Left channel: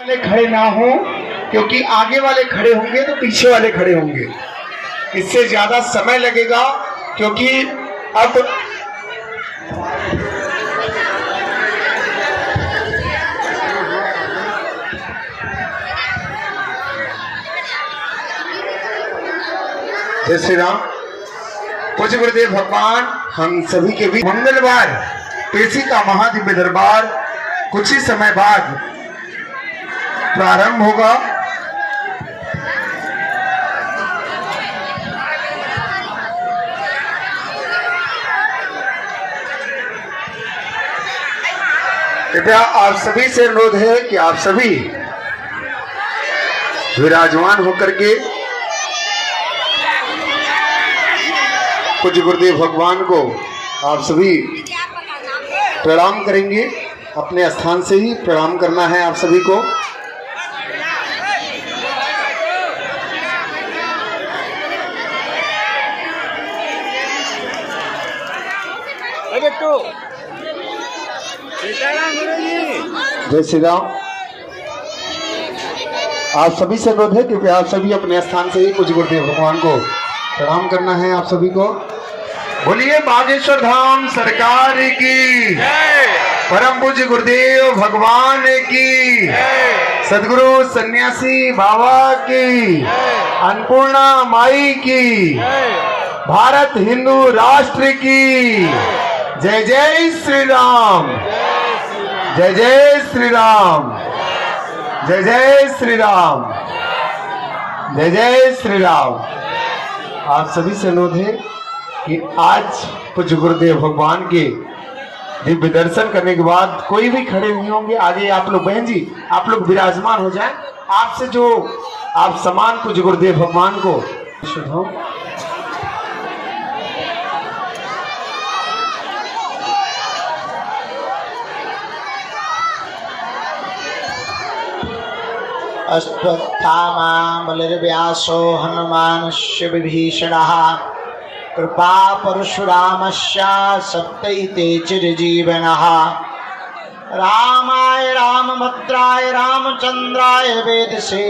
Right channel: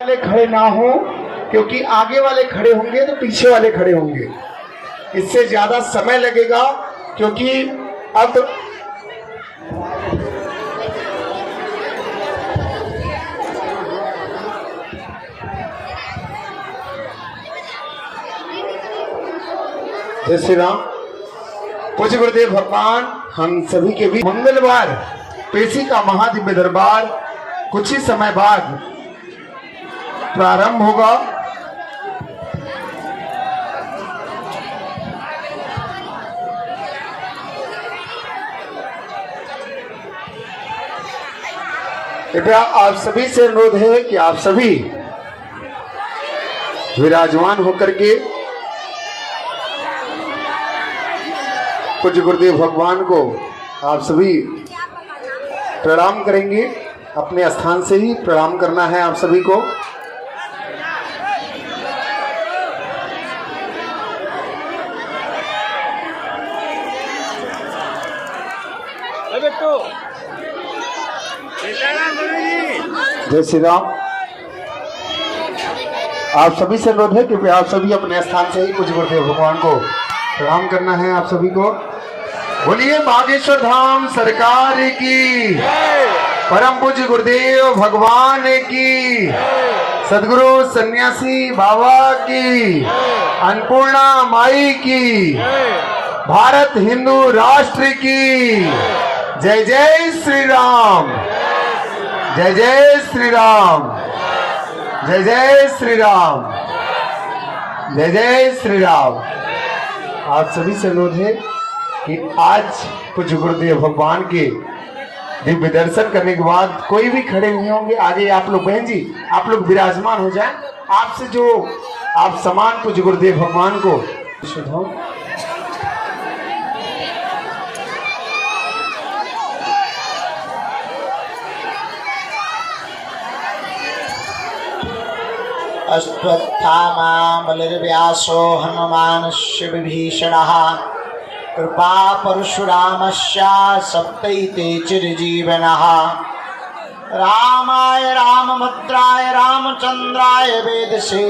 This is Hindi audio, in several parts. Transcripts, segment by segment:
वाले खड़े ना हो, क्योंकि आगे वाले खड़े होंगे तो पीछे वाले खड़े होंगे, इससे ज्यादा समय लगेगा। क्योंकि अब जय श्री राम। पूज्य गुरुदेव भगवान हम सभी के बीच मंगलवार पेशी का महादिव्य दरबार कुछ ही समय बाद प्रारंभ होगा। कृपया आप सभी से अनुरोध है कि आप सभी विराजमान होकर के पूज्य गुरुदेव भगवान को आप सभी प्रणाम करेंगे। अपने स्थान से ही प्रणाम करना है आप सभी को। जय श्री राम। आप सभी से अनुरोध है कि आप सभी अपने स्थान से ही पूज्य गुरुदेव भगवान को प्रणाम करना है आप सभी को। बोलिए बागेश्वर धाम सरकार की, परम पूज्य गुरुदेव भगवान की, सदगुरु सन्यासी बाबा की, अन्नपूर्णा माई की, भारत हिंदू राष्ट्र की। जय जय श्री राम, जय जय श्री राम, जय जय श्री राम, जय जय श्री राम। आप सभी से अनुरोध है कि आज पूज्य गुरुदेव भगवान के दिव्य दर्शन करने के बाद कोई भी खड़े हुए होंगे, आगे आप लोग बहन जी आप लोग विराजमान हो जाएं। आपसे जो आप समान पूज्य गुरुदेव भगवान को शुद्धाओ। अश्वत्थामा बलिर्व्यासो हनुमानस्य विभीषणः कृपा परशुरामस्य सप्तैते चिरजीवनः। रामाय रामभद्राय रामचन्द्राय वेदसे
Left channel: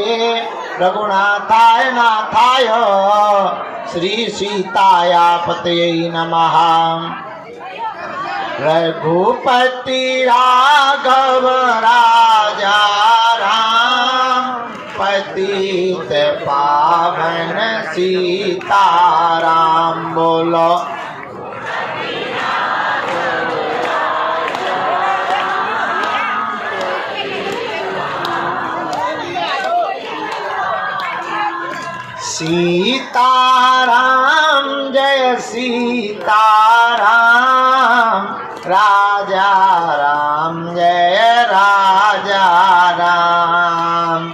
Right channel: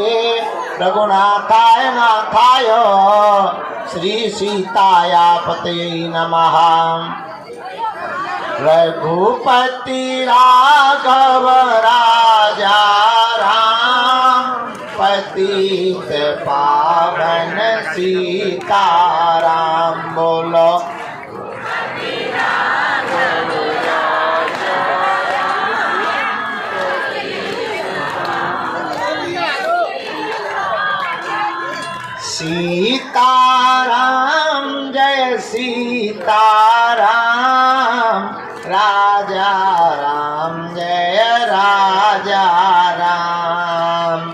रघुनाथाय नाथाय श्री सीताय पतये नमः। रघुपति राघव राजा पतित पावन सीताराम। बोलो सीताराम जय सीताराम, राजा राम जय राजा राम।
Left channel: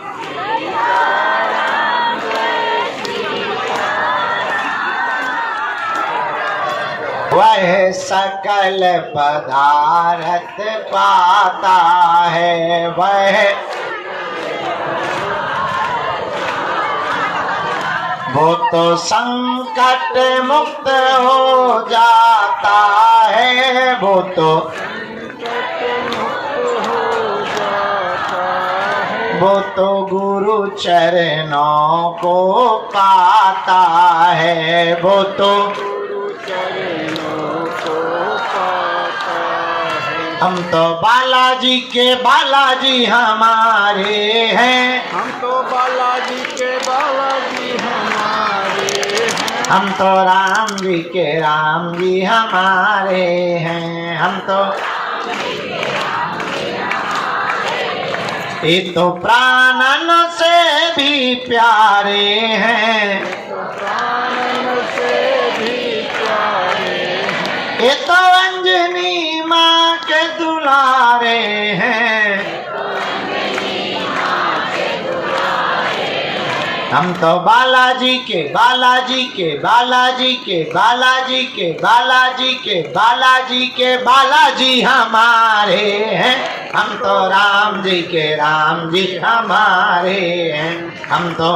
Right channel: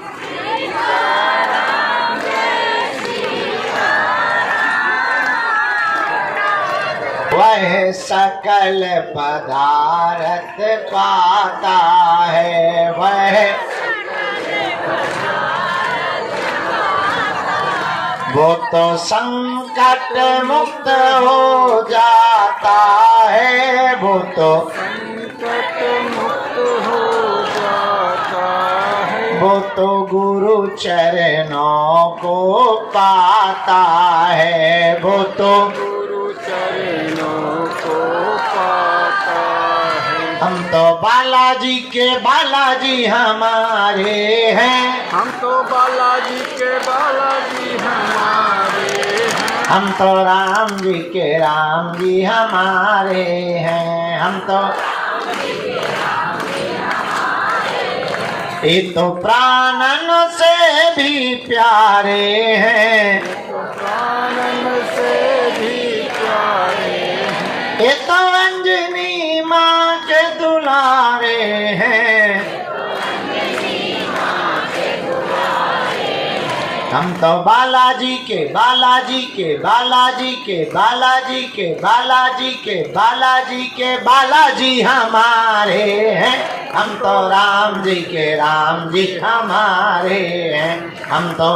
वह सकल पदार्थ पाता है, वो तो संकट मुक्त हो जाता है, वो तो संकट मुक्त हो जाता है, वो तो गुरु चरणों को पाता है, वो तो चरणों को पाता है। हम तो बालाजी के बालाजी हमारे हैं, हम तो बालाजी के बालाजी हमारे हैं, हम तो राम जी के राम जी हमारे हैं, हम तो ये तो प्राणन से भी प्यारे हैं, प्राणन से भी प्यारे हैं। ये तो अंजनी माँ के दुलारे हैं, हम तो बालाजी के बालाजी के बालाजी के बालाजी के बालाजी के बालाजी के बालाजी हमारे हैं, हम तो राम जी के राम जी हमारे हैं, हम तो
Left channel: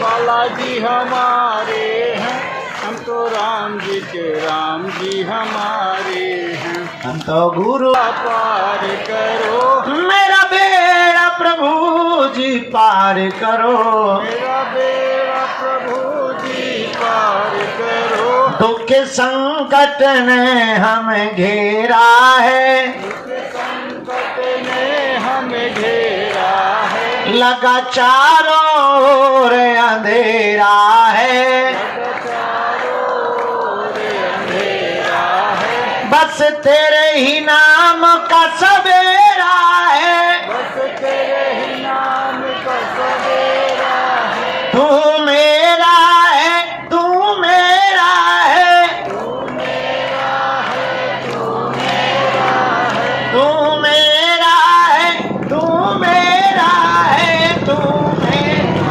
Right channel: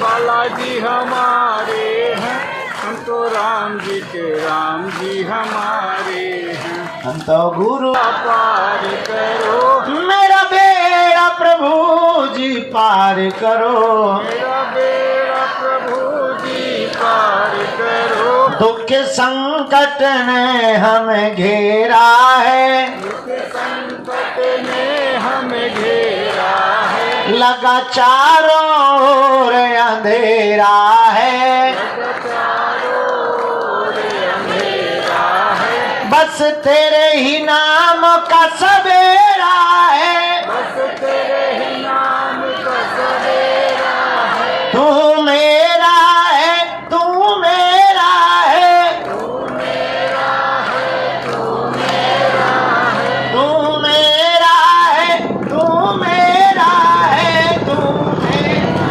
बालाजी हमारे हैं, हम तो राम जी के राम जी हमारे हैं, हम तो गुरु पार करो मेरा बेड़ा प्रभु जी पार करो, मेरा बेड़ा प्रभु जी पार करो। दुख संकट ने हमें घेरा है, दुख संकट ने हमें घेरा है, लगा चारों ओर अंधेरा है, लगा चारों ओर अंधेरा है, बस तेरे ही नाम का सवेरा है, बस तेरे ही नाम का सवेरा है। तू मेरा है, तू मेरा है, तू मेरा है, तू मेरा है, तू मेरा है, तू मेरा है, तू मेरा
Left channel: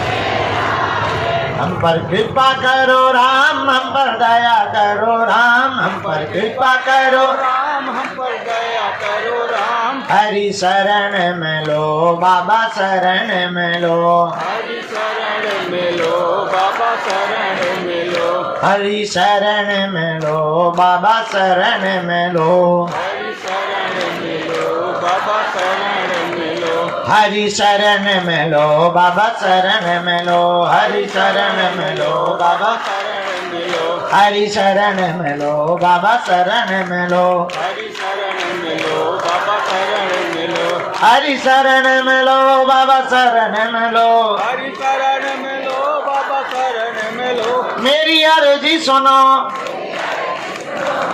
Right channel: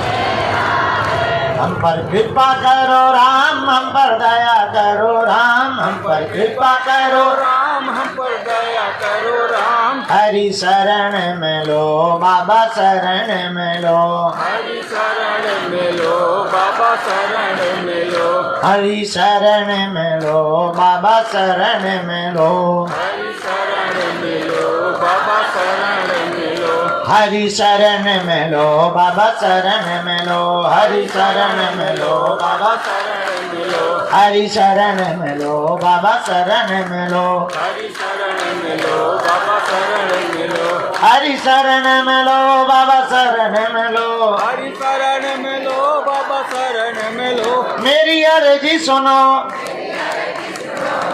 है। हम पर कृपा करो राम, हम पर दया करो राम, हम पर कृपा करो राम हम पर दया करो राम। हरि शरण में लो बाबा शरण में लो, हरि शरण में लो बाबा शरण में लो, हरि शरण में लो बाबा शरण में लो, हरि शरण में लो बाबा शरण में लो, हरि शरण में लो बाबा शरण में लो, हरि शरण में लो बाबा, शरण में लो, हरि शरण में लो बाबा शरण में लो, हरि शरण में लो बाबा शरण में लो, हरि शरण में लो बाबा शरण में लो, हरि शरण में लो बाबा शरण में लो। मेरी अर्जी सुनो,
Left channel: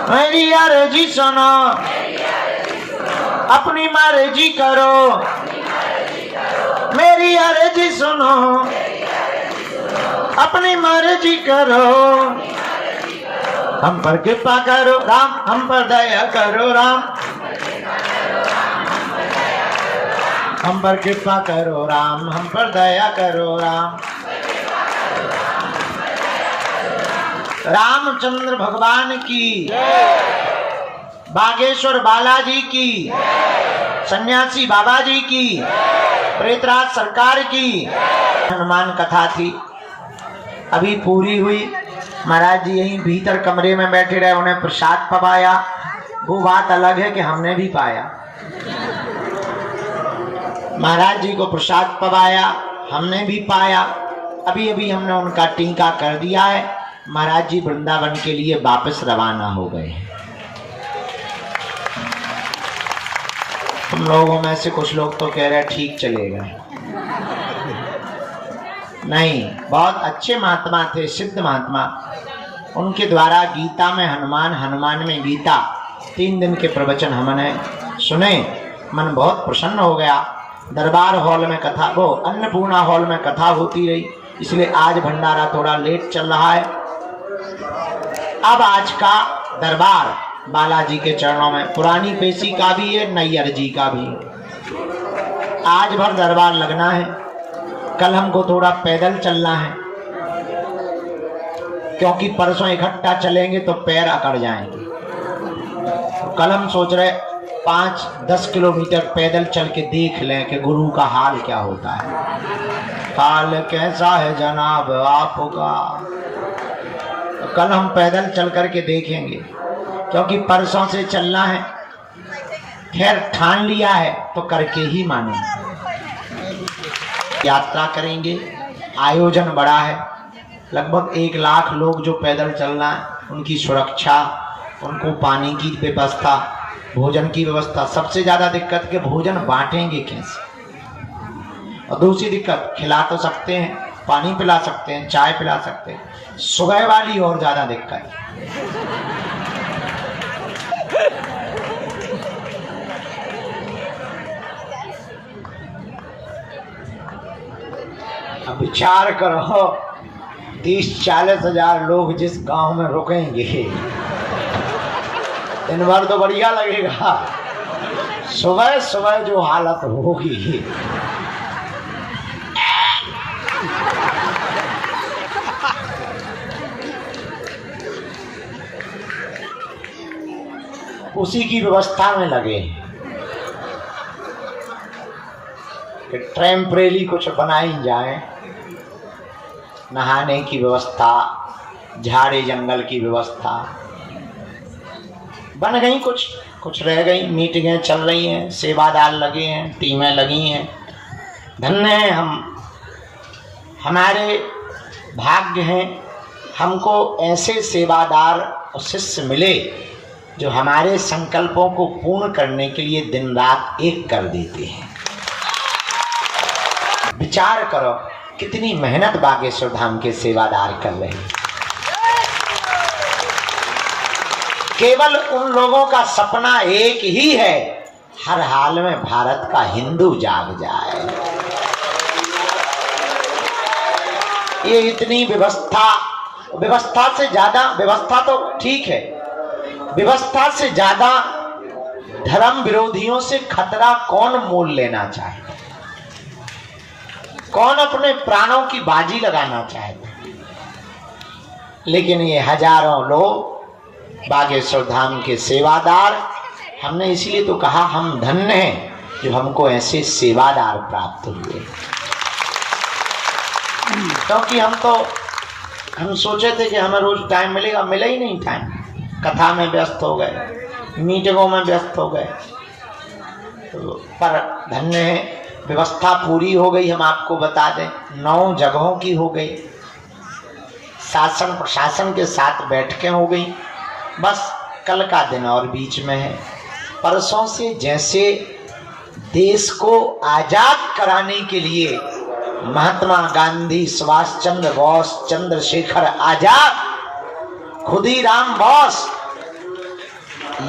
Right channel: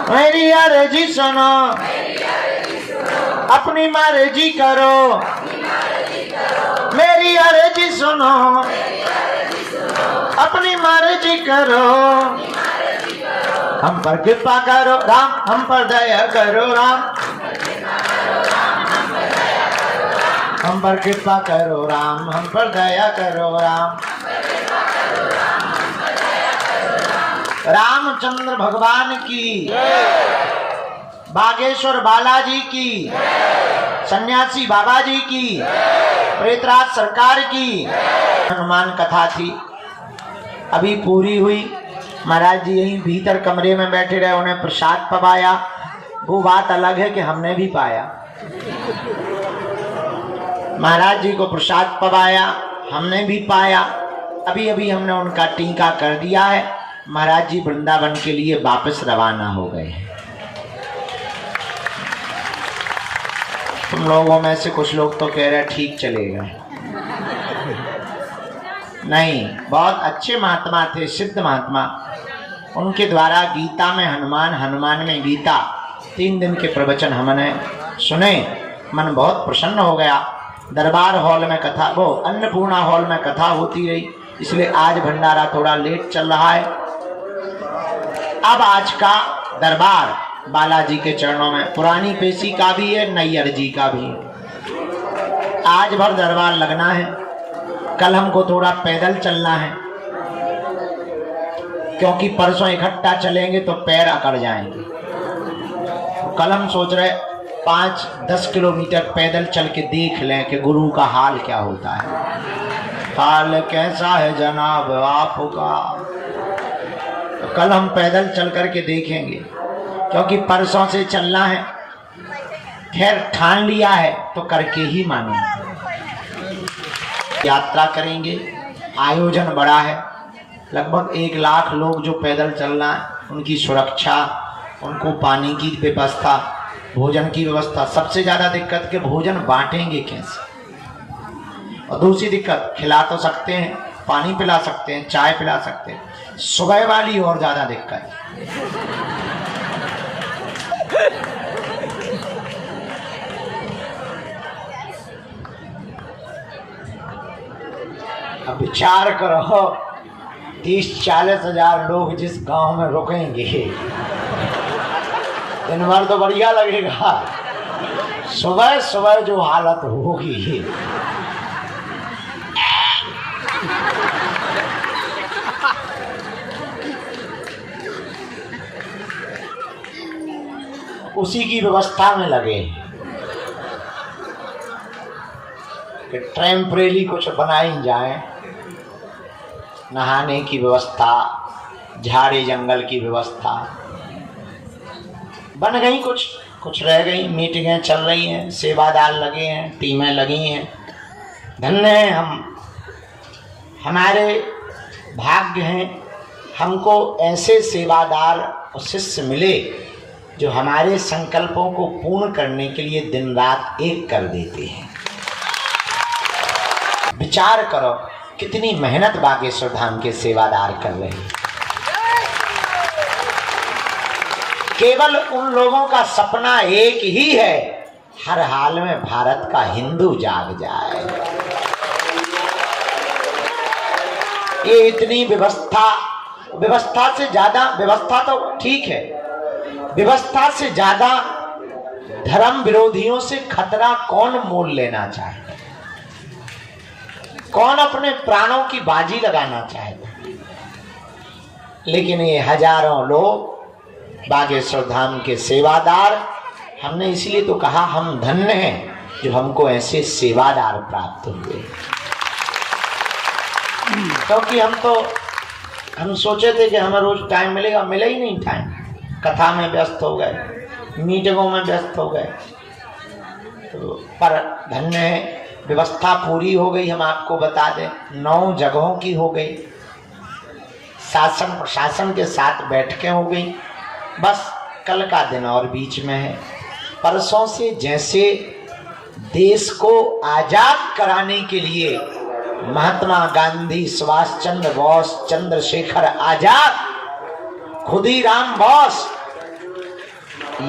मेरी अर्जी सुनो, अपनी मर्जी करो, मेरी अर्जी सुनो, अपनी मर्जी करो, हम पर कृपा करो राम, हम पर दया करो राम, हम पर कृपा करो राम, हम पर दया करो राम। रामचंद्र भगवान की, बागेश्वर बालाजी की, सन्यासी बाबा जी की, प्रेतराज सरकार की हनुमान कथा थी, अभी पूरी हुई। महाराज जी यहीं भीतर कमरे में बैठे रहे, उन्हें प्रसाद पवाया। वो बात अलग है कि हमने भी पाया। महाराज जी को प्रसाद पवाया, हमने भी पाया। अभी अभी हमने उनका टीका कर दिया है। महाराज जी वृंदावन के लिए वापस रवाना हो गए हैं। तुम लोगों में से कुछ लोग तो कह रहे ठीक चले गए। नहीं, बहुत अच्छे महात्मा थे, सिद्ध महात्मा। उनके द्वारा गीता में हनुमान, हनुमान में गीता, 3 दिन के प्रवचन हमने सुने। मन बहुत प्रसन्न हो गया। दरबार हॉल में कथा, वो अन्नपूर्णा हॉल में कथा होती रही, इसलिए आज भंडारा थोड़ा लेट चल रहा है। अब आज का दरबार बालाजी के चरणों में, पुरानी पेशी का भी है, नई अर्जी का भी। आज भर दरबार लगना है। कल हमको थोड़ा पैदल चलना है, क्योंकि परसों इकट्ठा चलेंगे तो पैर अकड़ जाएंगे। कल हम सोच रहे 5-10 किलोमीटर पैदल चल के देख लें कि गुरु का हाल क्या होता है। हाल कैसा है जनाब आपका? कल हम पैदल चल करके देखेंगे, क्योंकि परसों से चलना है। खैर ठान लिया है तो करके ही मानेंगे। यात्रा करेंगे, आयोजन बड़ा है, लगभग 1 लाख लोग जो पैदल चलना है, उनकी सुरक्षा, उनको पानी की व्यवस्था, भोजन की व्यवस्था। सबसे ज़्यादा दिक्कत के भोजन बांटेंगे कैसे? और दूसरी दिक्कत, खिला तो सकते हैं, पानी पिला सकते हैं, चाय पिला सकते हैं, सुबह वाली और ज़्यादा दिक्कत। अब विचार करो, 30-40 हजार लोग जिस गांव में रुकेंगे, दिन भर तो बढ़िया लगेगा। सुबह सुबह जो हालत होगी, उसी की व्यवस्था में लगे कि टेम्परेरी कुछ बनाई जाए। नहाने की व्यवस्था, झाड़ी जंगल की व्यवस्था बन गई। कुछ रह गई, मीटिंगें चल रही हैं, सेवादार लगे हैं, टीमें लगी हैं। धन्य हैं हम, हमारे भाग्य हैं, हमको ऐसे सेवादार और शिष्य मिले जो हमारे संकल्पों को पूर्ण करने के लिए दिन रात एक कर देते हैं। विचार करो कितनी मेहनत बागेश्वर धाम के सेवादार कर रहे हैं। केवल उन लोगों का सपना एक ही है, हर हाल में भारत का हिंदू जाग जाए। ये इतनी व्यवस्था से ज्यादा, व्यवस्था तो ठीक है, व्यवस्था से ज्यादा धर्म विरोधियों से खतरा कौन मोल लेना चाहे? कौन अपने प्राणों की बाजी लगाना चाहता? लेकिन ये हजारों लोग बागेश्वर धाम के सेवादार, हमने इसलिए तो कहा हम धन्य हैं जो हमको ऐसे सेवादार प्राप्त हुए। क्योंकि हम सोचे थे कि हमें रोज टाइम मिलेगा, मिला ही नहीं टाइम। कथा में व्यस्त हो गए, मीटिंगों में व्यस्त हो गए, पर धन्य है व्यवस्था पूरी हो गई। हम आपको बता दें 9 जगहों की हो गई, शासन प्रशासन के साथ बैठकें हो गई। बस कल का दिन और बीच में है। परसों से जैसे देश को आजाद कराने के लिए महात्मा गांधी, सुभाष चंद्र बोस, चंद्रशेखर आजाद, खुदीराम बोस,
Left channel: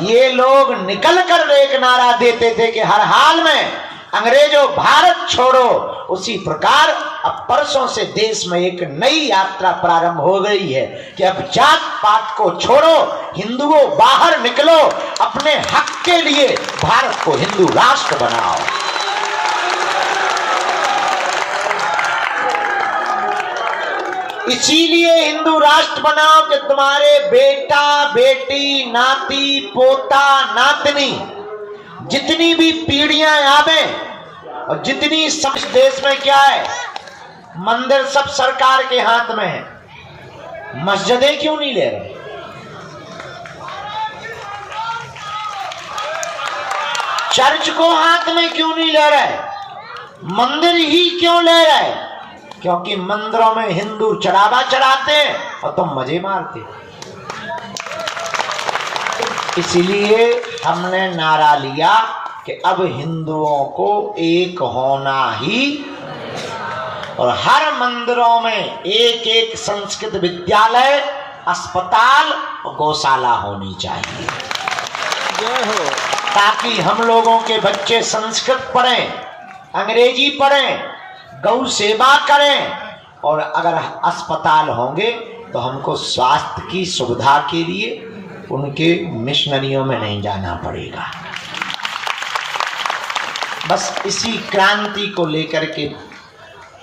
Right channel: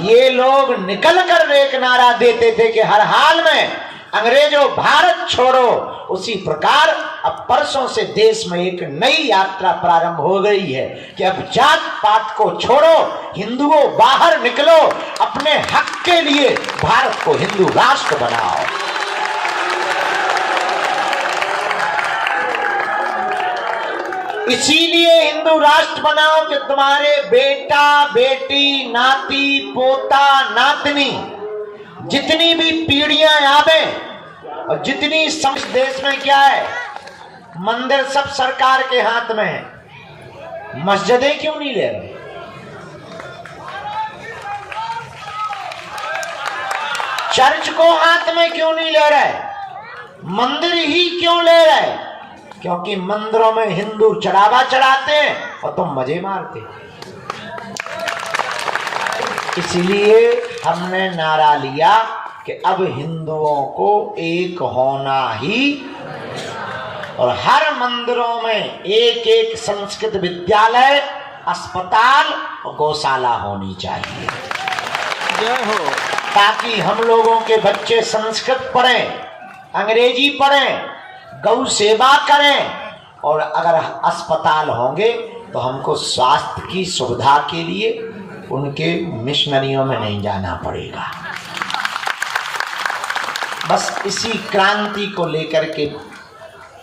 ये लोग निकल कर एक नारा देते थे कि हर हाल में अंग्रेजों भारत छोड़ो, उसी प्रकार अब परसों से देश में एक नई यात्रा प्रारंभ हो गई है कि अब जात पात को छोड़ो, हिंदुओं बाहर निकलो, अपने हक के लिए भारत को हिंदू राष्ट्र बनाओ। इसीलिए हिंदू राष्ट्र बनाओ कि तुम्हारे बेटा बेटी, नाती पोता, नातनी, जितनी भी पीढ़ियां आवे, और जितनी समझ देश में क्या है, मंदिर सब सरकार के हाथ में है, मस्जिदें क्यों नहीं ले रहे? चर्च को हाथ में क्यों नहीं ले रहे? मंदिर ही क्यों ले रहे? क्योंकि मंदिरों में हिंदू चढ़ावा चढ़ाते हैं और तुम मजे मारते। इसीलिए हमने नारा लिया कि अब हिंदुओं को एक होना ही, और हर मंदिरों में एक एक संस्कृत विद्यालय, अस्पताल और गौशाला होनी चाहिए। जय हो। ताकि हम लोगों के बच्चे संस्कृत पढ़ें, अंग्रेजी पढ़ें, गौ सेवा करें, और अगर अस्पताल होंगे तो हमको स्वास्थ्य की सुविधा के लिए उनके मिशनरियों में नहीं जाना पड़ेगा। बस इसी क्रांति को लेकर के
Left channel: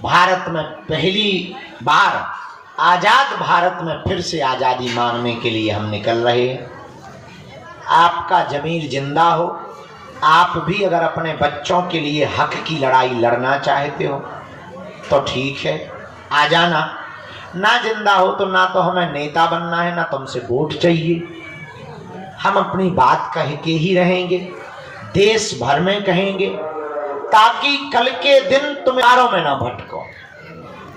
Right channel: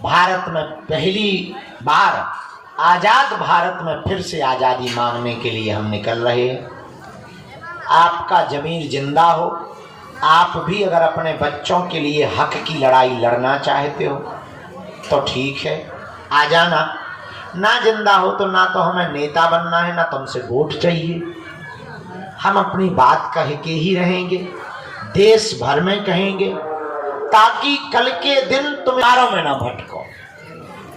भारत में पहली बार, आजाद भारत में फिर से आजादी मांगने के लिए हम निकल रहे हैं। आपका जमीर जिंदा हो, आप भी अगर अपने बच्चों के लिए हक की लड़ाई लड़ना चाहते हो तो ठीक है, आ जाना। ना जिंदा हो तो ना तो हमें नेता बनना है, ना तुमसे वोट चाहिए। हम अपनी बात कह के ही रहेंगे, देश भर में कहेंगे, ताकि कल के दिन तुम यारों में ना भटको,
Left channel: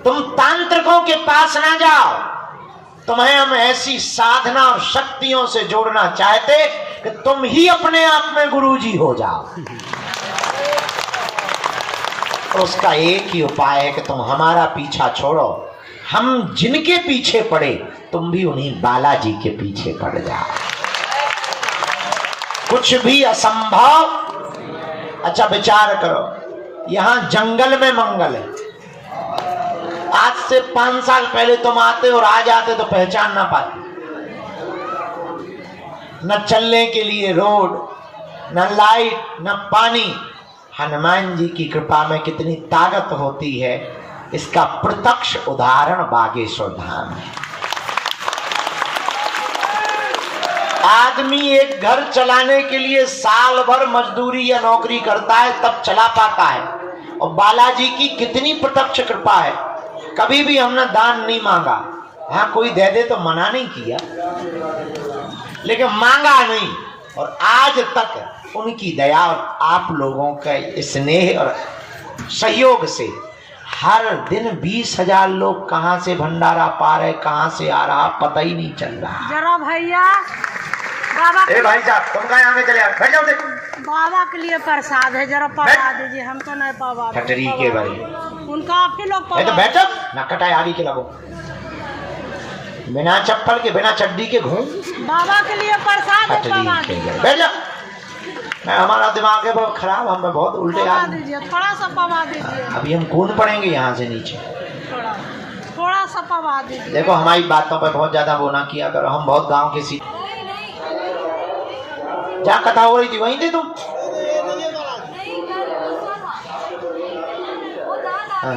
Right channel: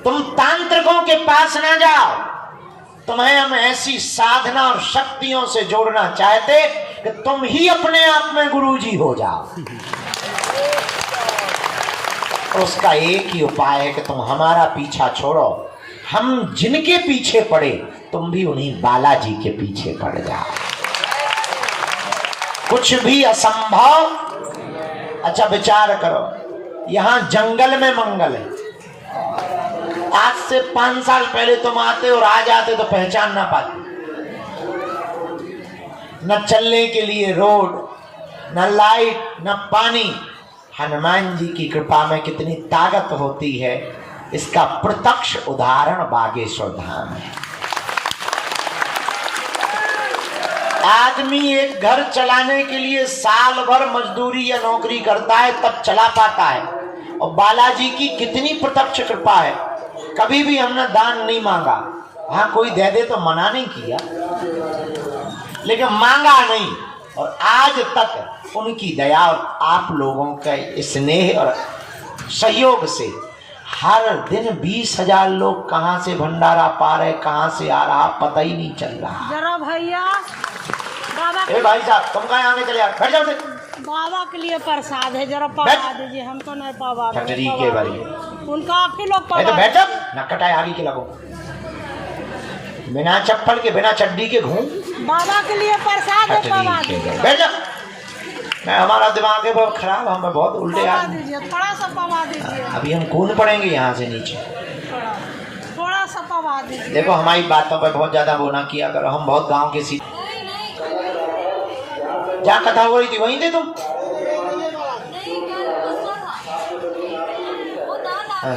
तुम तांत्रिकों के पास ना जाओ। तुम्हें हम ऐसी साधना और शक्तियों से जोड़ना चाहते कि तुम ही अपने आप में गुरुजी हो जाओ। तो उसका एक ही उपाय है कि तुम हमारा पीछा छोड़ो, हम जिनके पीछे पड़े तुम भी उन्हीं बालाजी के पीछे पड़ जाओ। कुछ भी असंभव। अच्छा विचार करो, यहाँ जंगल में मंगल है। आज से 5 साल पहले तुम आते और आ जाते तो पहचान ना पाते। न चलने के लिए रोड, न लाइट, न पानी। हनुमान जी की कृपा में कितनी ताकत होती है, इसका प्रत्यक्ष उदाहरण बागेश्वर धाम है। आदमी एक घर चलाने के लिए साल भर मजदूरी या नौकरी करता है तब चला पाता है, और बालाजी की कितनी प्रत्यक्ष कृपा है। कभी भी हमने दान नहीं मांगा, हाँ कोई दे दे तो मना नहीं किया, लेकिन मांगा नहीं। और आज तक उनकी दया और आप लोगों के स्नेह और सहयोग से हर दिन 20,000 लोग कहाँ से भंडारा पा रहे, कहाँ से आ रहा पता ही नहीं चल रहा। जरा भैया बाबा ए भाई साहब तुम कहाँ आगे चले बैठ जाओ। देख बाबा के लिए प्रसाद है, जरा पवा दीजिए, हम तो नहीं पवा कटरी के बारे उनका आप ही लोग तो पवा। बैठ ना कटाए आगे के लगो, बिना चप्पल के बिना चड्डी के घूम। बाबा के लिए प्रसाद है, पवा दीजिए, बैठ जा। मैं हमारा दिमाग है बहुत खराब, हम बहुत उल्टे पवा आदमी। दीजिए, थोड़ा सा पवा दीजिए, अभी हम कूद पड़ेंगे यहाँ से नीचे। थोड़ा सा पवा दीजिए। देखो हमारी बातों पर बहुत ज्यादा वो ना किया करो, हम बहुत गांव के सी। जहाँ कथा हो रही थी वहीं थे तुम। हाँ।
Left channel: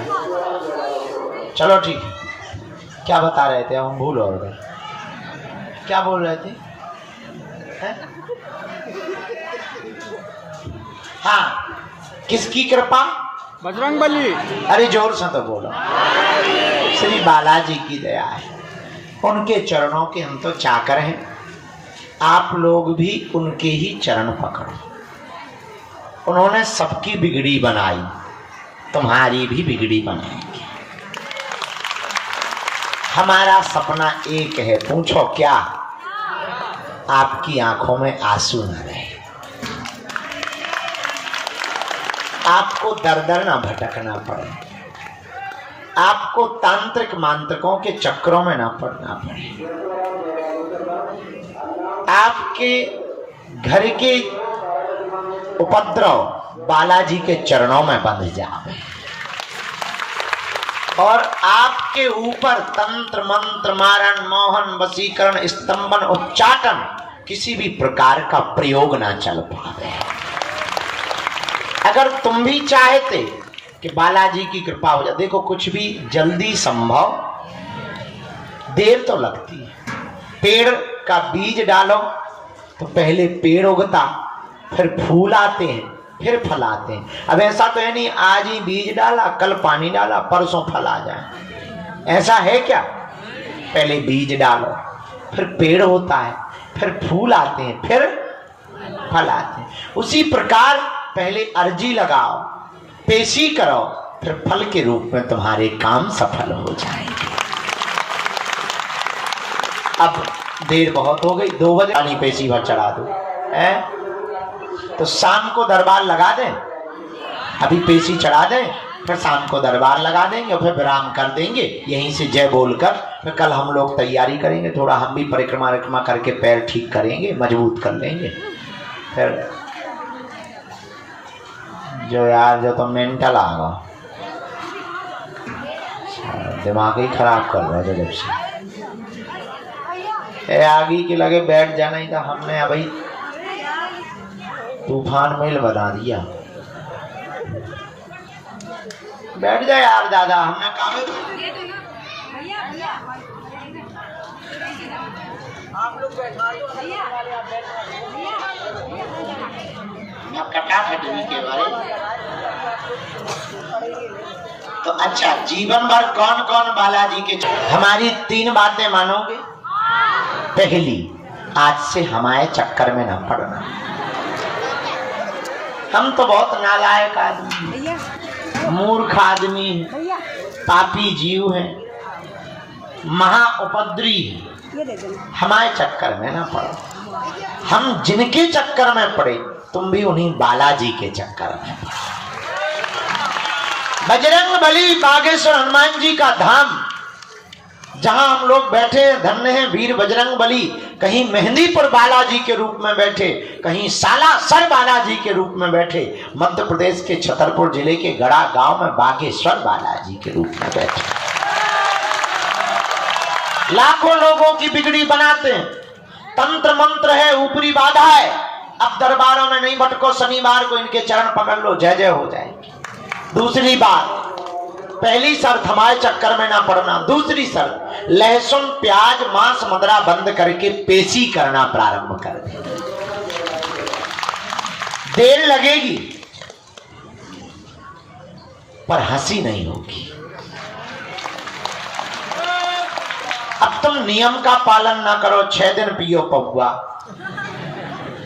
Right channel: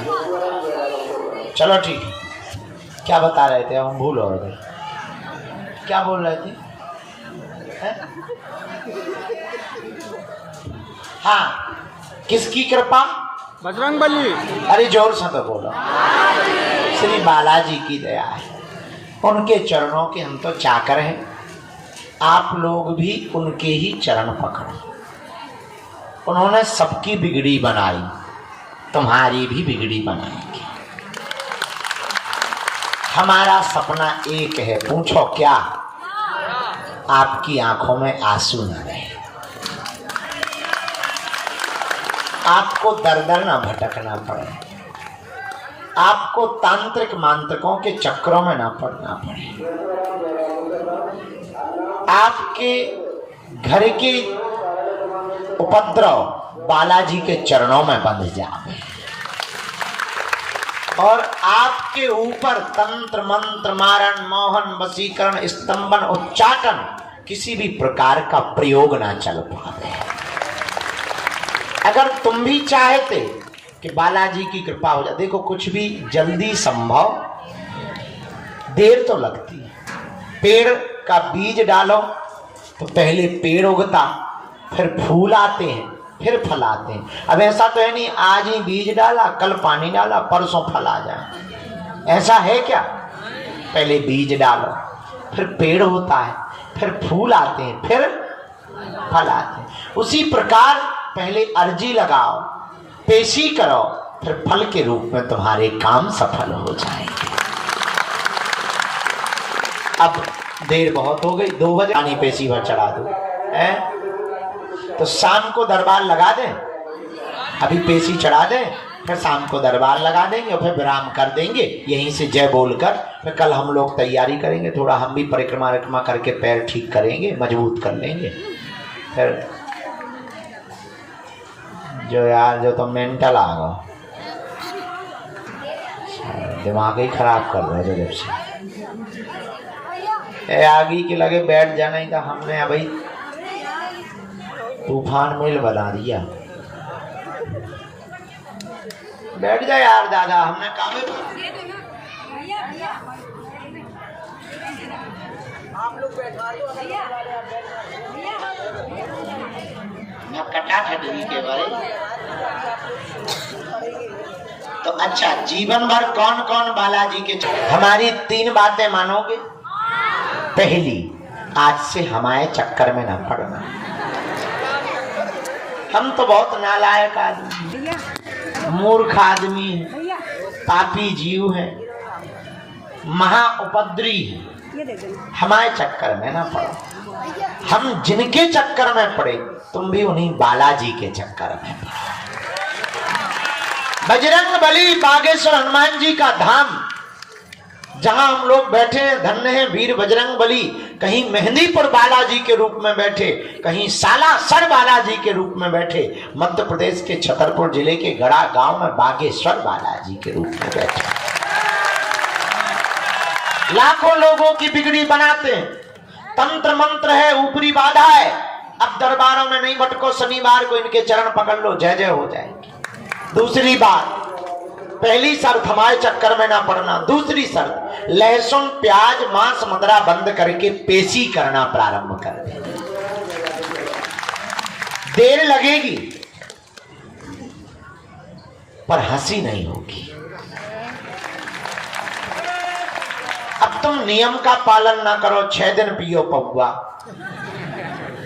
चलो ठीक है, क्या बता रहे थे हम भूल और गए, क्या बोल रहे थे? हाँ, किसकी कृपा? बजरंगबली। अरे जोर से तो बोलो। श्री बालाजी की दया है, उनके चरणों के हम तो चाकर हैं। आप लोग भी उनके ही चरण पकड़ो। उन्होंने सबकी बिगड़ी बनाई, तुम्हारी भी बिगड़ी बनाएंगे। हमारा सपना एक है, पूछो क्या? आपकी आंखों में आंसू न रहे, आपको दर दर न भटकना पड़े, आपको तांत्रिक मांत्रिकों के चक्रों में न पड़ना पड़े, आपके घर के उपद्रव बालाजी के चरणों में बंध जाए और आपके ऊपर तंत्र मंत्र मारण मोहन वशीकरण स्तंभन उच्चाटन किसी भी प्रकार का प्रयोग ना चल पाए। अगर तुम भी चाहते कि बालाजी की कृपा हो जाए, देखो कुछ भी जल्दी संभव, देर तो लगती है। पेड़ का बीज डालो तो पहले पेड़ उगता, फिर फूल आते हैं, फिर फल आते हैं। अब ऐसा तो है नहीं आज ही बीज डाला, कल पानी डाला, परसों फल आ जाए, ऐसा है क्या? पहले बीज डालो, फिर पेड़ होता है, फिर फूल आते हैं, फिर फल आते हैं। उसी प्रकार पहले अर्जी लगाओ, पेशी करो, फिर फल के रूप में तुम्हारे काम सफल हो जाएंगे। अब देर बहुत हो गई, 2 बजे पानी पेशी भर चढ़ा दो, तो शाम को दरबार लगा दें, अभी पेशी चढ़ा दें, फिर शाम को दरबार लगा देंगे और फिर विराम कर देंगे यहीं से जय बोलकर। फिर कल हम लोग तैयारी करेंगे, थोड़ा हम भी परिक्रमा करके पैर ठीक करेंगे, मजबूत कर लेंगे। फिर जो यार जो तो मेंटल आ गया, दिमाग ही खराब कर रहा है जब से आगे के लगे बैठ जाने का। हमने अभी तूफान मेल बना दिया। बैठ जाए यार दादा, हमने काम कटाखटी के बारे। तो अच्छा, जीवन भर कौन कौन बालाजी के? हमारी 3 बातें मानोगे। पहली, आज से हमारे चक्कर में न पड़ना। हम तो बहुत नालायक आदमी, मूर्ख आदमी, पापी जीव हैं, महा उपद्रवी हैं। हमारे चक्कर में न पड़ो। हम जिनके चक्कर में पड़े, तुम भी उन्हीं बालाजी के चक्कर में पड़ो। बजरंगबली बागेश्वर हनुमान जी का धाम, जहां हम लोग बैठे हैं, धन्य हैं वीर बजरंगबली। कहीं मेहंदीपुर बालाजी के रूप में बैठे, कहीं सालासर बालाजी के रूप में बैठे, मध्य प्रदेश के छतरपुर जिले के गड़ा गांव में बागेश्वर बालाजी के रूप में बैठे। लाखों लोगों की बिगड़ी बनाते हैं, तंत्र मंत्र है, ऊपरी बाधा है। अब दरबारों में नहीं भटको, शनिवार को इनके चरण पकड़ लो, जय जय हो जाएगी। दूसरी बात, पहली शर्त हमारे चक्कर में ना पड़ना। दूसरी शर्त, लहसुन प्याज मांस मदरा बंद करके पेशी करना प्रारंभ कर दे। देर लगेगी पर हंसी नहीं होगी। अब तुम नियम का पालन ना करो, 6 दिन पियो पौवा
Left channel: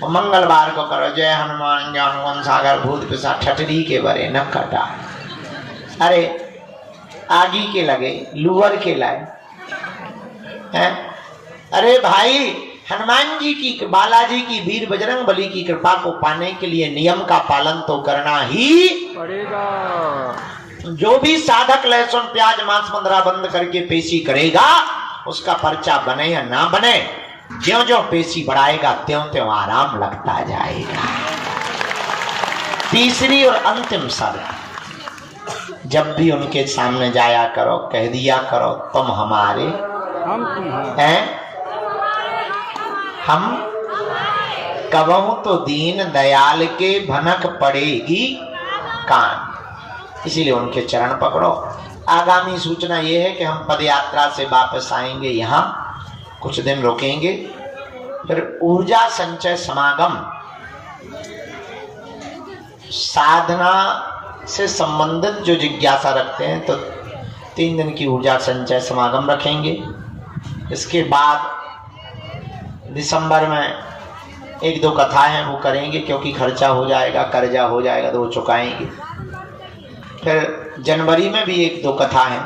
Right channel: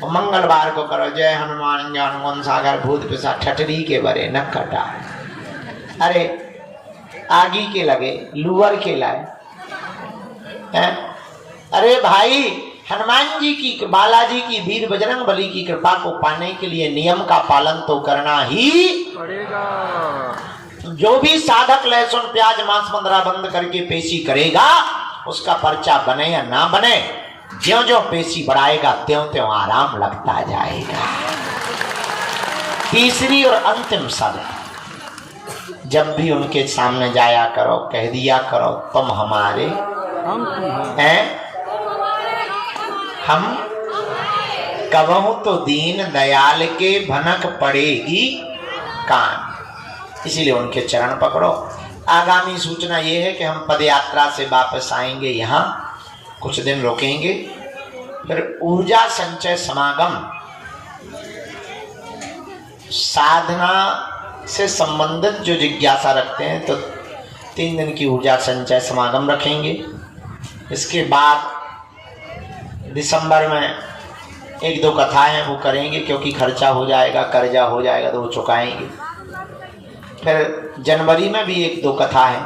वो मंगलवार को करो जय हनुमान ज्ञान गुण सागर भूत पिशाच ठठरी के बरे न कटा। अरे आगी के लगे लुअर के लाए हैं? अरे भाई हनुमान जी की बालाजी की वीर बजरंग बली की कृपा को पाने के लिए नियम का पालन तो करना ही पड़ेगा। जो भी साधक लहसुन प्याज मांस मंदरा बंद करके पेशी करेगा उसका पर्चा बने या ना बने, ज्यों ज्यों पेशी बढ़ाएगा त्यों त्यों आराम लगता जाएगा। तीसरी और अंतिम शब्द, जब भी उनके सामने जाया करो कह दिया करो तुम हमारे हम तुम्हारे हैं, हम कबहू तो दीन दयाल के भनक पड़ेगी कान। इसीलिए उनके चरण पकड़ो। आगामी सूचना ये है कि हम पद यात्रा से वापस आएंगे, यहाँ कुछ दिन रुकेंगे, फिर ऊर्जा संचय समागम साधना से संबंधित जो जिज्ञासा रखते हैं तो 3 दिन की ऊर्जा संचय समागम रखेंगे। इसके बाद दिसंबर में 1-2 कथाएं हैं वो करेंगे, क्योंकि खर्चा हो जाएगा, कर्जा हो जाएगा तो वो चुकाएंगे। फिर जनवरी में भी 1-2 कथा है।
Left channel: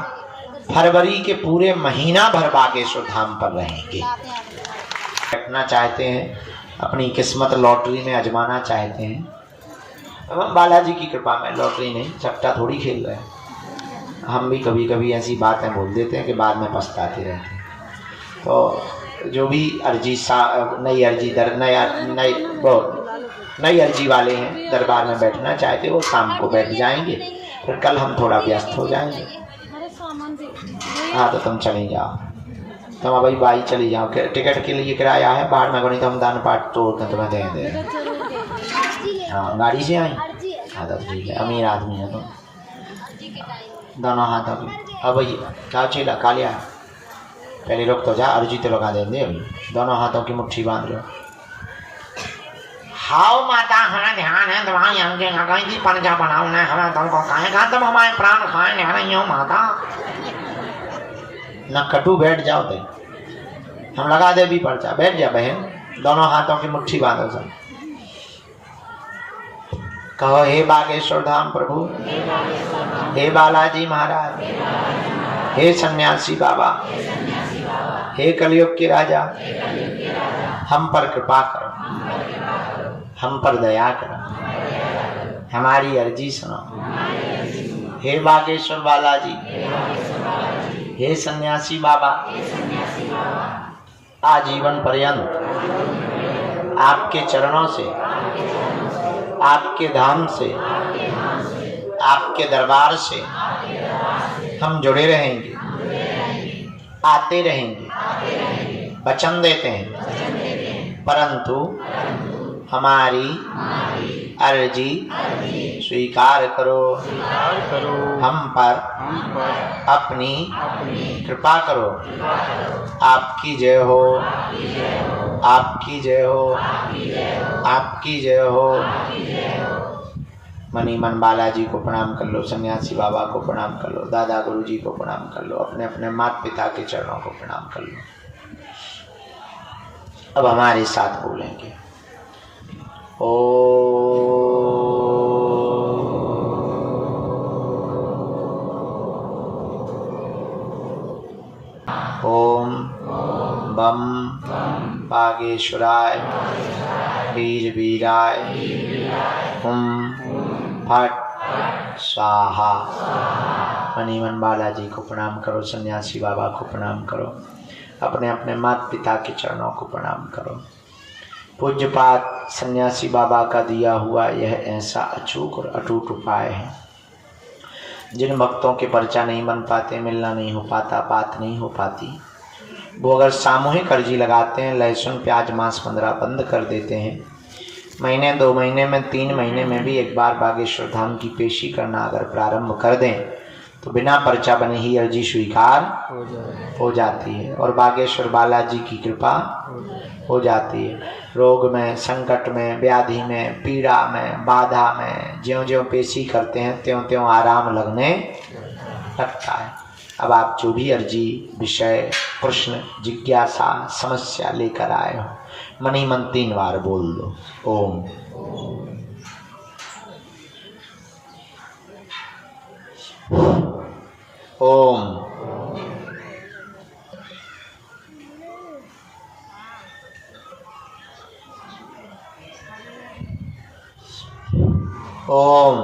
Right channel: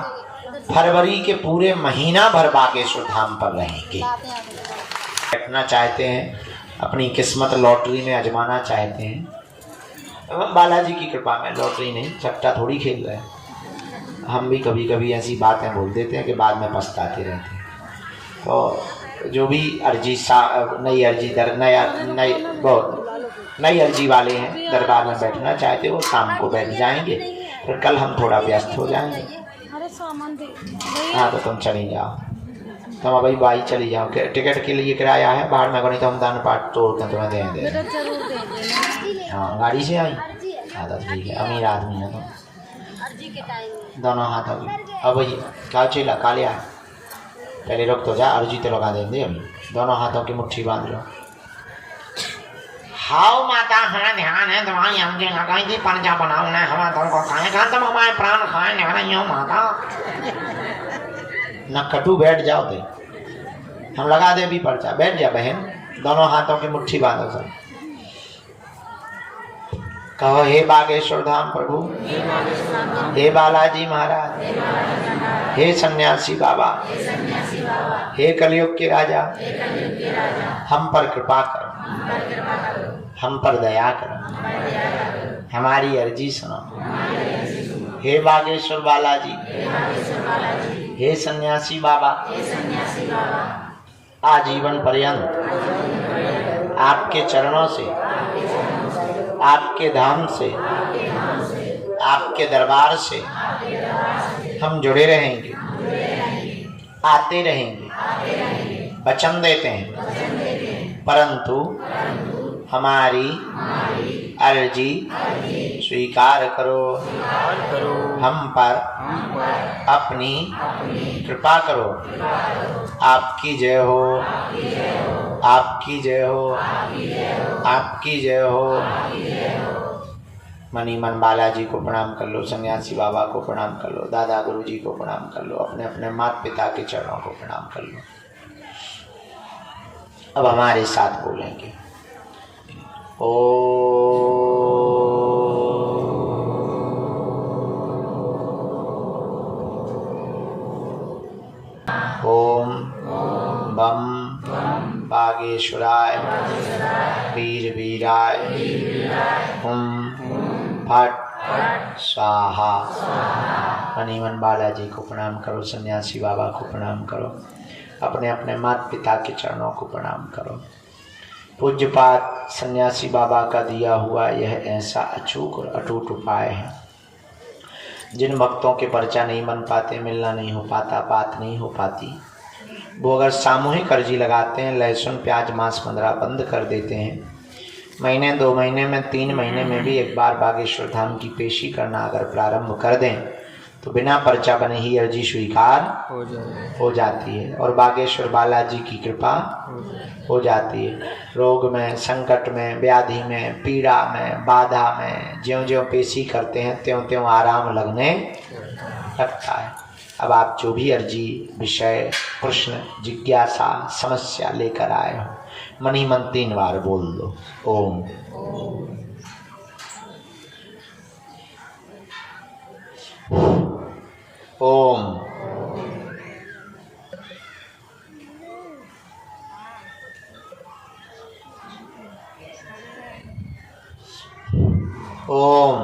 फरवरी के पूरे महीना भर बागेश्वर धाम पर रहेंगे। बैठना चाहते हैं, अपनी किस्मत लॉटरी में आजमाना चाहते हैं, एवं बालाजी की कृपा में लॉटरी नहीं चपटा थोड़ी खेल रहे हैं। हम भी कभी कभी ऐसी बातें बोल देते हैं कि बाद में पछताते रहते हैं। तो जो भी अर्जी नई अर्जी वाले हैं दरबार में बैठना चाहते वो शाम को बैठ जाएंगे, फिर कल हम थोड़ा व्यस्त हो जाएंगे। हाँ तो तुम चली जाओ, तुम अभी भाई चली जाओ। टिकट के लिए किराया है बाहर में गणित हम दान पाठ तोड़ कर तुम्हें दे दें। हाँ गाड़ी से आई, हाँ तो ठीक है, अमीर आदमी है तुम। दोनों हाथों की अब क्या चेला कालिया पहले रुक तो जा, अर्जी तो लगा देंगे। अभी दोनों हाथों की मुट्ठी बांध लो। हाउ माता हमारा ध्यान है दवाई हमके लगाई थी पंजा बनाओ ना हमारा तुमको खाएगा तुम हमारे प्राण खाए नहीं हो माता न कटू। बैठ जाओ थे, हम लगा दे भी पर्चा। बैठ जा बहन, दोनों हाथों की मुट्ठी बांधो सब। कहो हे बागेश्वर धाम प्रभु, हे बालाजी महाराज, हे सन्यासी बाबा, हे कलयुग के राजा, हम पर कृपा करो, हम पर दया करो, हमारी अर्जी सुनो। हे बागेश्वर बालाजी, हे सन्यासी बाबा, आजीवन पर्यंत आपके चरणों से, आपके धाम से, आपके दरबार से हम जुड़े रहेंगे, आते रहेंगे, वचन देते हैं। परंतु हमारी अर्जी स्वीकार करो, हम पर अपनी कृपा करो। आपकी जय हो, आपकी जय हो, आपकी जय हो। मनी मन बालाजी को प्रणाम कर लो, सन्यासी बाबा को प्रणाम कर लो, दादा गुरु जी को प्रणाम कर लो, अपने अपने माता पिता के चरणों को प्रणाम कर लो। अब हमारे साथ बोलेंगे ओम बम बागेश्वराय वीर वीराय फट स्वाहा। मनीमन बालाजी को प्रणाम करो, सन्यासी बाबा को प्रणाम करो, अपने अपने माता पिता के चरणों को प्रणाम करो। पूज्यपात सन्यासी बाबा का दिया हुआ यह ऐसा अचूक और अटूट उपाय है। जिन भक्तों के पर्चा नहीं बन पाते, मिलना नहीं हो पाता, बात नहीं हो पाती, वो अगर सामूहिक अर्जी लगाते हैं, लहसुन प्याज मांस मंदरा बंद कर देते हैं, महीने 2 महीने में 3 महीने में भी एक बार बागेश्वर धाम की पेशी करना अगर प्रारंभ कर दें तो बिना पर्चा बने ही अर्जी स्वीकार हो जाती है और बागेश्वर बालाजी की कृपा हो जाती है। रोग में, संकट में, व्याधि में, पीड़ा में, बाधा में ज्यों ज्यों पेशी करते हैं त्यों त्यों आराम लगने लगता है। अब आप जो भी अर्जी, विषय, प्रश्न, जिज्ञासा, समस्या लेकर आए हो, मनी मन 3 बार बोल दो। ओम ओम ओम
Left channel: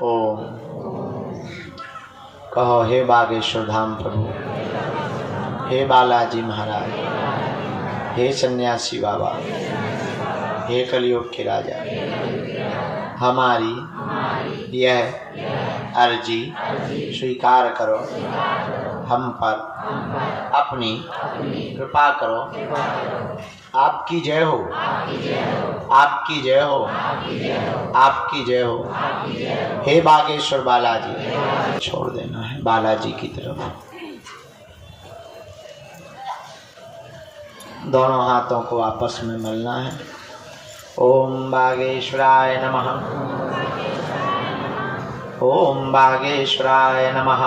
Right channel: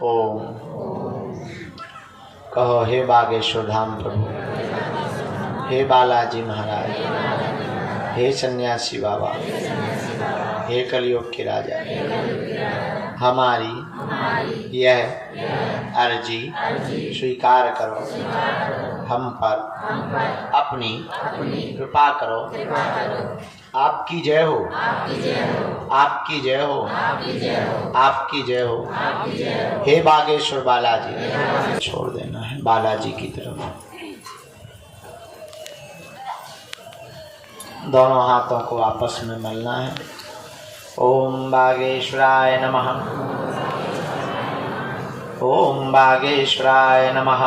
ओम। कहो हे बागेश्वर धाम प्रभु, हे बालाजी महाराज, हे सन्यासी बाबा, हे कलयुग के राजा, हमारी यह अर्जी स्वीकार करो, हम पर अपनी कृपा करो। आपकी जय हो, आपकी जय हो, आपकी जय हो। हे बागेश्वर बालाजी, छोड़ देना है बालाजी की तरफ। दोनों हाथों को आपस में मलना है। ओम बागेश्वराय नमः, ओम बागेश्वराय नमः,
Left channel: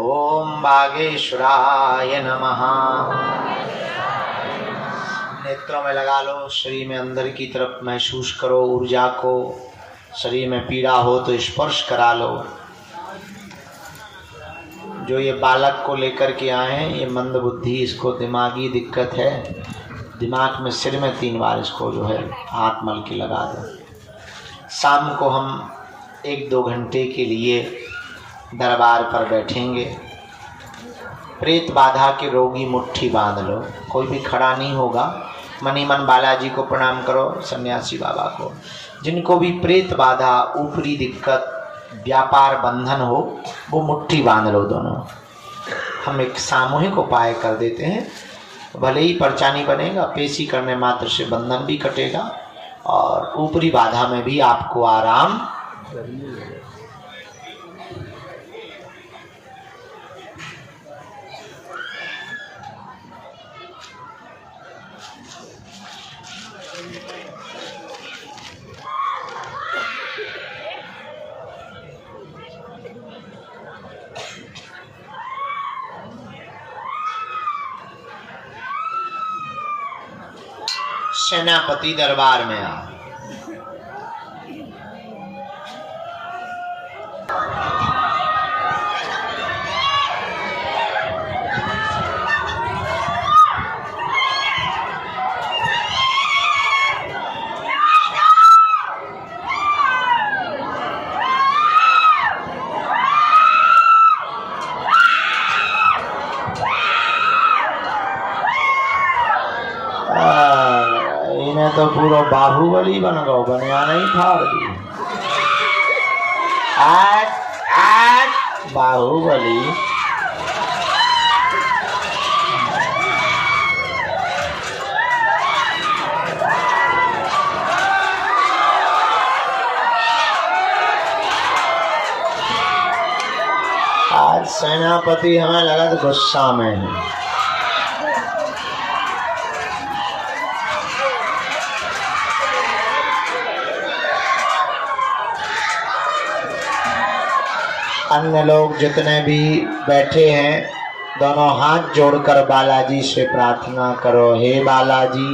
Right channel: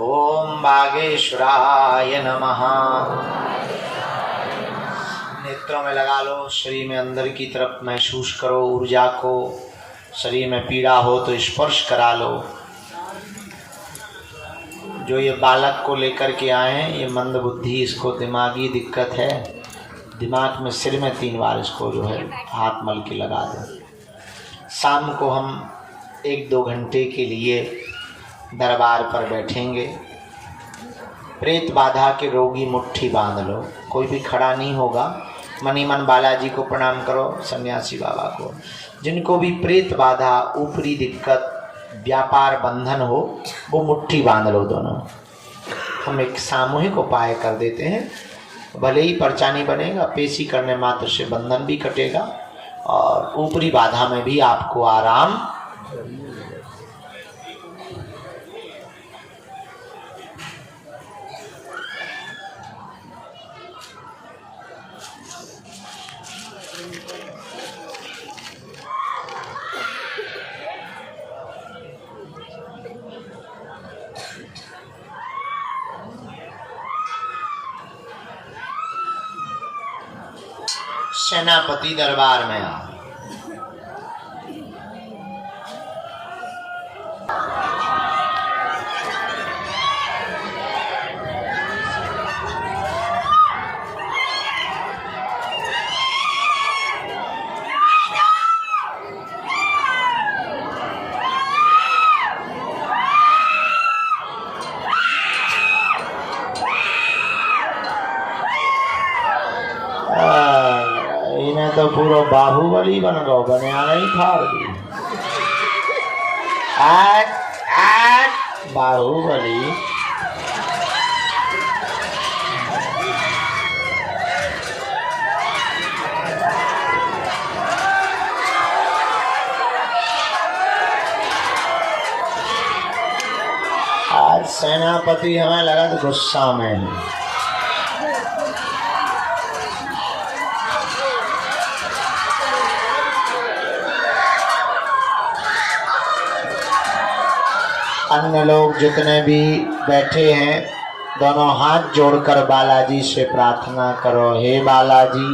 ओम बागेश्वराय नमः। नेत्रों में लगा लो, शरीर में अंदर की तरफ महसूस करो ऊर्जा को। शरीर में पीड़ा हो तो स्पर्श करा लो। जो ये बालक को लेकर के आए हैं, ये मंद बुद्धि, इसको दिमागी दिक्कत है। दिमाग में सिर में 3 बार इसको जो है हाथ मल के लगा दो। शाम को हम 1-2 घंटे के लिए दरबार पर बैठेंगे। प्रेत बाधा के रोगी मुट्ठी बांध लो, कोई भी खड़ा नहीं होगा। मनी मन बालाजी को प्रणाम करो, सन्यासी बाबा को। जिनको भी प्रेत बाधा, ऊपरी दिक्कत, व्यापार बंधन हो, वो मुट्ठी बांध लो दोनों। हम एक सामूहिक उपाय कर देते हैं, भले ही पर्चा नहीं बनेगा, पेशी करने मात्र से बंधन भी कटेगा और ऊपरी बाधा में भी आपको आराम। सेनापति दरबार में आ। तो पूरा बाहुबली बन गो, बनिया नहीं फाड़ दी। बाहुबली आज सेनापति हमें लगा तो गुस्सा में है। अन्य लोग जितने भी बैठे हैं, दोनों हाथ जोड़कर बालाजी से प्रार्थना करो। हे बालाजी,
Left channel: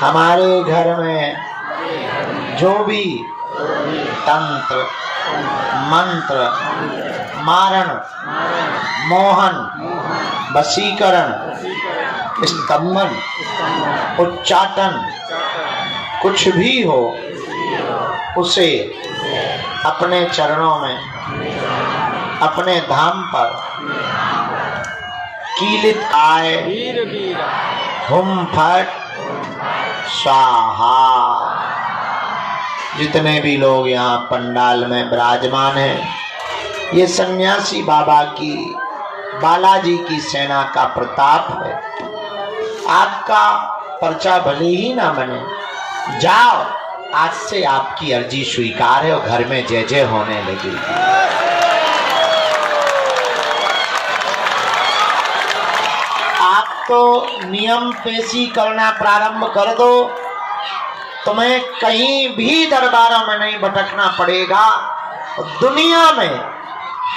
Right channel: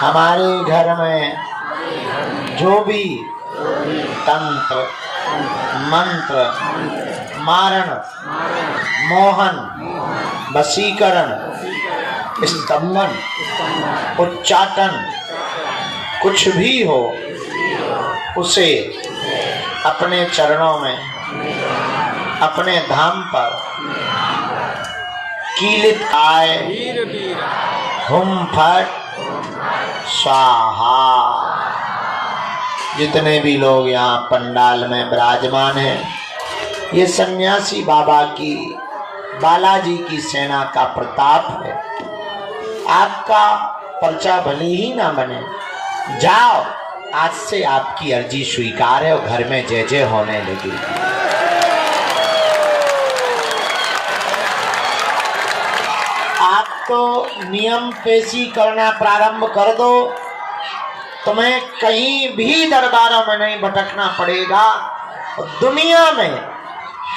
हमारे घर में जो भी तंत्र, मंत्र, मारण, मोहन, वशीकरण, स्तंभन, उच्चाटन कुछ भी हो, उसे अपने चरणों में, अपने धाम पर कीलित आए हुम फट स्वाहा। जितने भी लोग यहाँ पंडाल में विराजमान हैं, ये सन्यासी बाबा की, बालाजी की सेना का प्रताप है। आपका पर्चा भले ही ना बने, जाओ, आज से आपकी अर्जी स्वीकार है और घर में जय जय होने लगी। आप तो नियम पेशी करना प्रारंभ कर दो, तुम्हें कहीं भी दरबारों में नहीं भटकना पड़ेगा। दुनिया में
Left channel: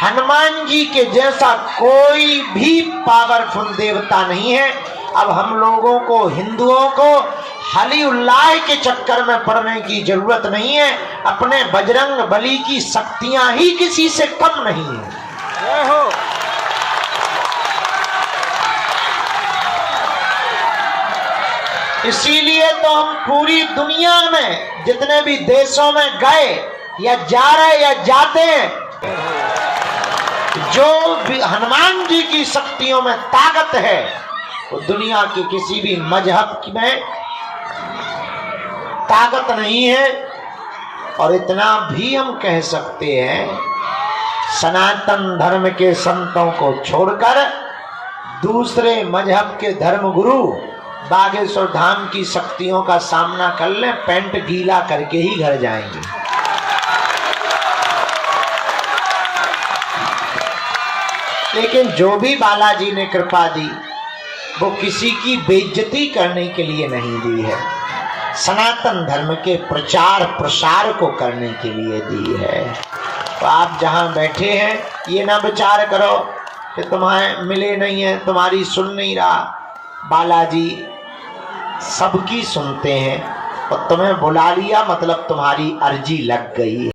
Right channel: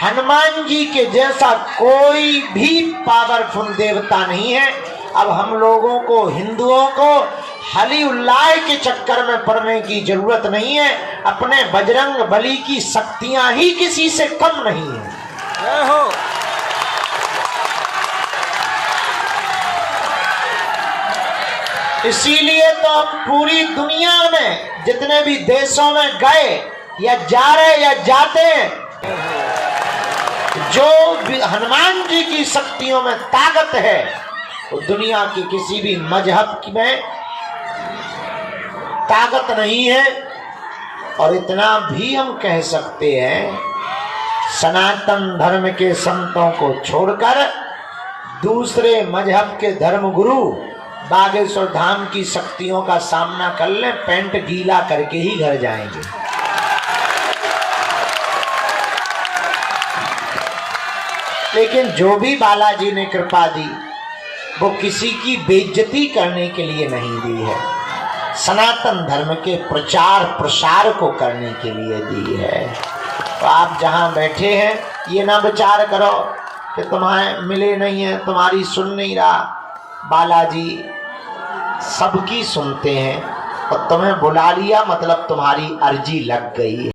हनुमान जी के जैसा कोई भी पावरफुल देवता नहीं है। अब हम लोगों को, हिंदुओं को हली उल्लाह के चक्कर में पड़ने की जरूरत नहीं है। अपने बजरंग बली की शक्तियां ही किसी से कम नहीं है। जय हो। इसीलिए तो हम पूरी दुनिया में जितने भी देशों में गए या जा रहे या जाते हैं, जो भी हनुमान जी की शक्तियों में ताकत है वो दुनिया के किसी भी मजहब में ताकत नहीं है। और इतना भी हम कह सकते हैं, सनातन धर्म के संतों को छोड़कर दूसरे मजहब के धर्मगुरु बागेश्वर धाम की शक्तियों का सामना कर लें, पैंट गीला करके ही घर जाएंगे। लेकिन जो भी बालाजी ने कृपा दी वो किसी की बेइज्जती करने के लिए नहीं दी है, सनातन धर्म के प्रचार प्रसार को करने के लिए दी है। तो आप जहां बैठे हैं ये ना विचार करो कि तुम्हें मिले नहीं है, तुम्हारी सुन नहीं रहा। बालाजी सबकी सुनते हैं। तो तुम्हें बुला लिया मतलब तुम्हारी अर्जी लग गई।